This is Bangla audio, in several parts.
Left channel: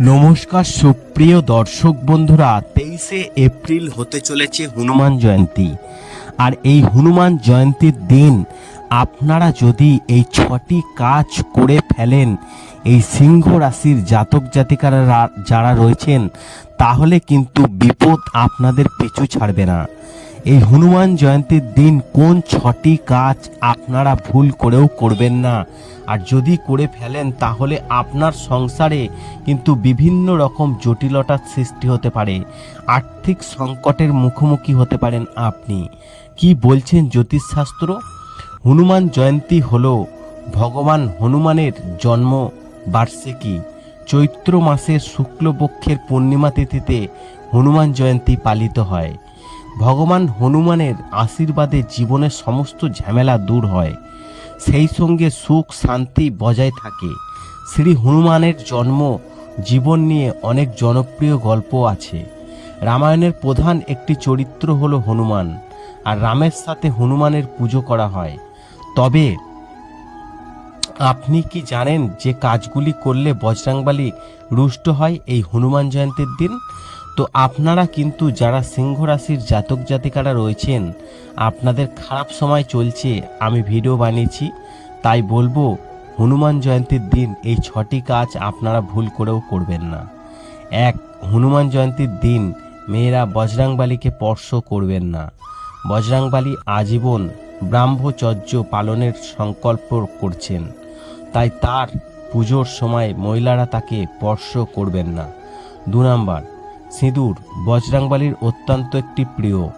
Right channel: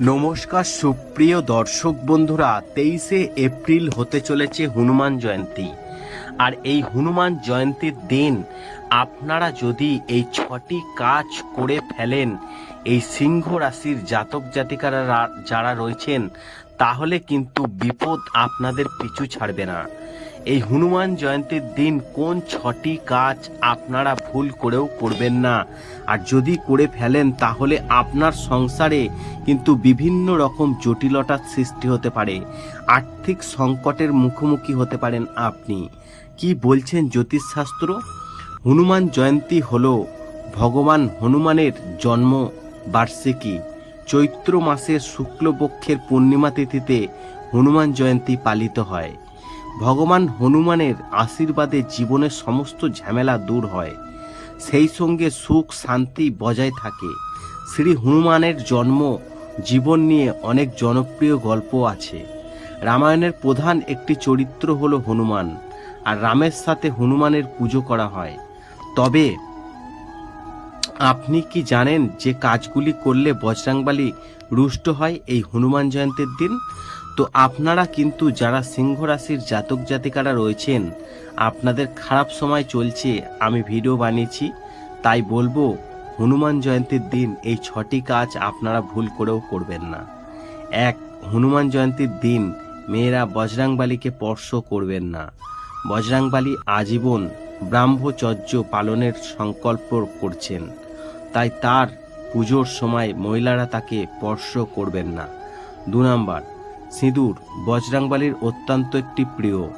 নমস্কার সুপ্রিয় দর্শক বন্ধুরা, তেইশে এপ্রিল হতে চলেছে হনুমান জয়ন্তী। আর এই হনুমান জয়ন্তীর দিন আপনারা যদি এই ছটি কাজ করে ফেলেন, এই সিংহ রাশির জাতক জাতিকারা যারা রয়েছেন, তাহলে কিন্তু বিপদ আপনাদের পিছু ছাড়বে না। এই হনুমান জয়ন্তীর দিন কোন ছটি কাজ আপনারা ভুল করেও করবেন না? আর যদি করে ফেলেন, তাহলে আপনার সংসারে কিন্তু বিভিন্ন রকম জটিলতার সৃষ্টি হতে পারে। আর্থিক সংকটের মুখোমুখি হতে পারেন আপনি। কি বলছেন জ্যোতিষশাস্ত্র? হনুমান জয়ন্তী হল ভগবান হনুমানের জন্ম বার্ষিকী চৈত্র মাসের শুক্লপক্ষের পূর্ণিমা তিথিতে হনুমান জয়ন্তী পালিত হয়। ভগবান হনুমানের আশীর্বাদে জীবনের সমস্ত ঝামেলা দূর হয়। সেই সঙ্গে সুখ শান্তি বজায় থাকে। শ্রী হনুমানের জন্ম জীবন নিয়ে অনেক জনপ্রিয় গল্প আছে। রামায়ণের প্রধান একটি চরিত্র হল হনুমান, আর রামের সাথে হনুমানের পুজো করা হয়। তবে আপনি কি জানেন যে কাজগুলি করলে বজরাংবালি রুষ্ট হয় এই হনুমান জয়ন্তীর দিন? তো আপনারা কিন্তু যারা সিংহ রাশির জাতক জাতিকারা রয়েছেন, আপনাদের খারাপ সময় চলছে, আমি ভিডিও বানিয়েছি। তাই বলব, হনুমান জয়ন্তীর দিন এই ছটি কাজ আপনারা ভুল করেও করবেন না। এক, হনুমান জয়ন্তীর দিন মেয়েরা বজরাংবালিকে স্পর্শ করবেন না। বজরাংবালি আজীবন ব্রাহ্মচর্য পালনের সংকল্প করছেন। তাই তার পুজোর সময় মহিলারা তাকে স্পর্শ করবেন না। দু নাম্বার সিঁদুর বজরাংবালির অত্যন্ত একটি প্রিয়।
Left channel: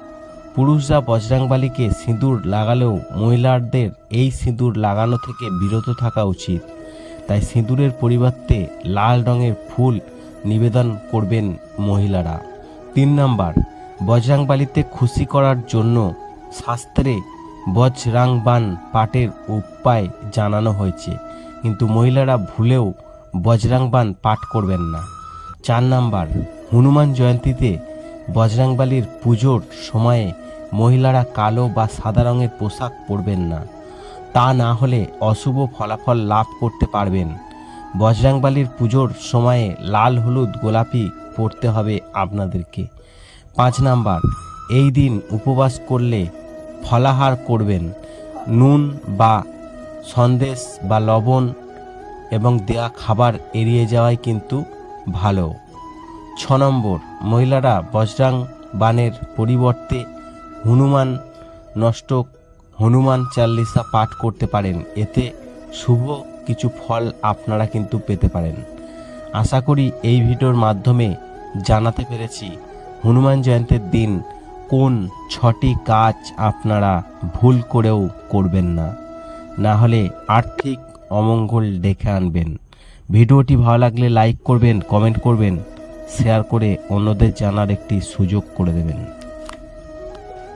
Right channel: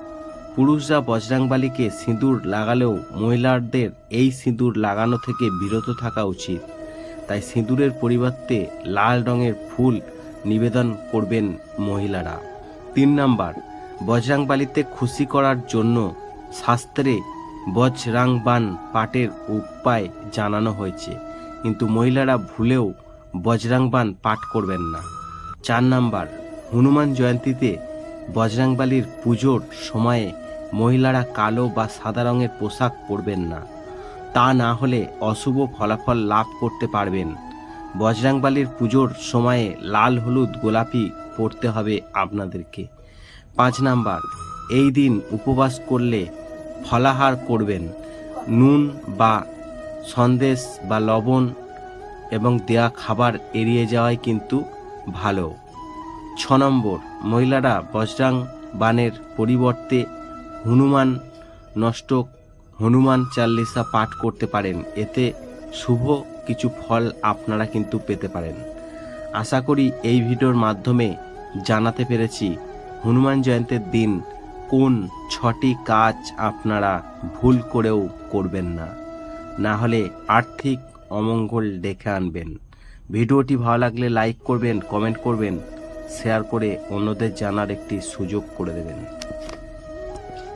পুরুষরা বজরাংবালিকে সিঁদুর লাগালেও মহিলাদের এই সিঁদুর লাগানো থেকে বিরত থাকা উচিত। তাই সিঁদুরের পরিবর্তে লাল রঙের ফুল নিবেদন করবেন মহিলারা। তিন নাম্বার বজরাংবালিতে খুশি করার জন্য শাস্ত্রে বজরাংবান পাঠের উপায় জানানো হয়েছে। কিন্তু মহিলারা ভুলেও বজরাংবান পাঠ করবেন না। চার নাম্বার হনুমান জয়ন্তীতে বজরাংবালির পুজোর সময়ে মহিলারা কালো বা সাদা রঙের পোশাক পরবেন না। তা না হলে অশুভ ফলাফল লাভ করতে পারবেন। বজরাংবালির পুজোর সময়ে লাল, হলুদ, গোলাপি পরতে হবে আপনাদেরকে। পাঁচ নাম্বার, এই দিন উপবাস করলে ফলাহার করবেন। নুন বা সন্দেশ বা লবণ এবং দেয়া খাবার এড়িয়ে যাওয়াই কিন্তু ভালো। ছ নম্বর মহিলারা বজরাং বানের পরিবর্তে হনুমান নষ্ট হনুমান চাল্লিশা পাঠ করতে পারেন। এতে শুভ কিছু ফল আপনারা কিন্তু পেতে পারেন। আশা করি এই ভিডিওর মাধ্যমে জানাতে পেরেছি হনুমান জয়ন্তীর দিন কোন ছটি কাজ আপনারা ভুল করেও করবেন না। না হলে আর্থিক অমঙ্গল ডেকে আনবেন। ভিডিওটি ভালো লাগলে লাইক করবেন, কমেন্ট করবেন। শেয়ার করে অন্যদের জানার একটি সুযোগ করে দেবেন।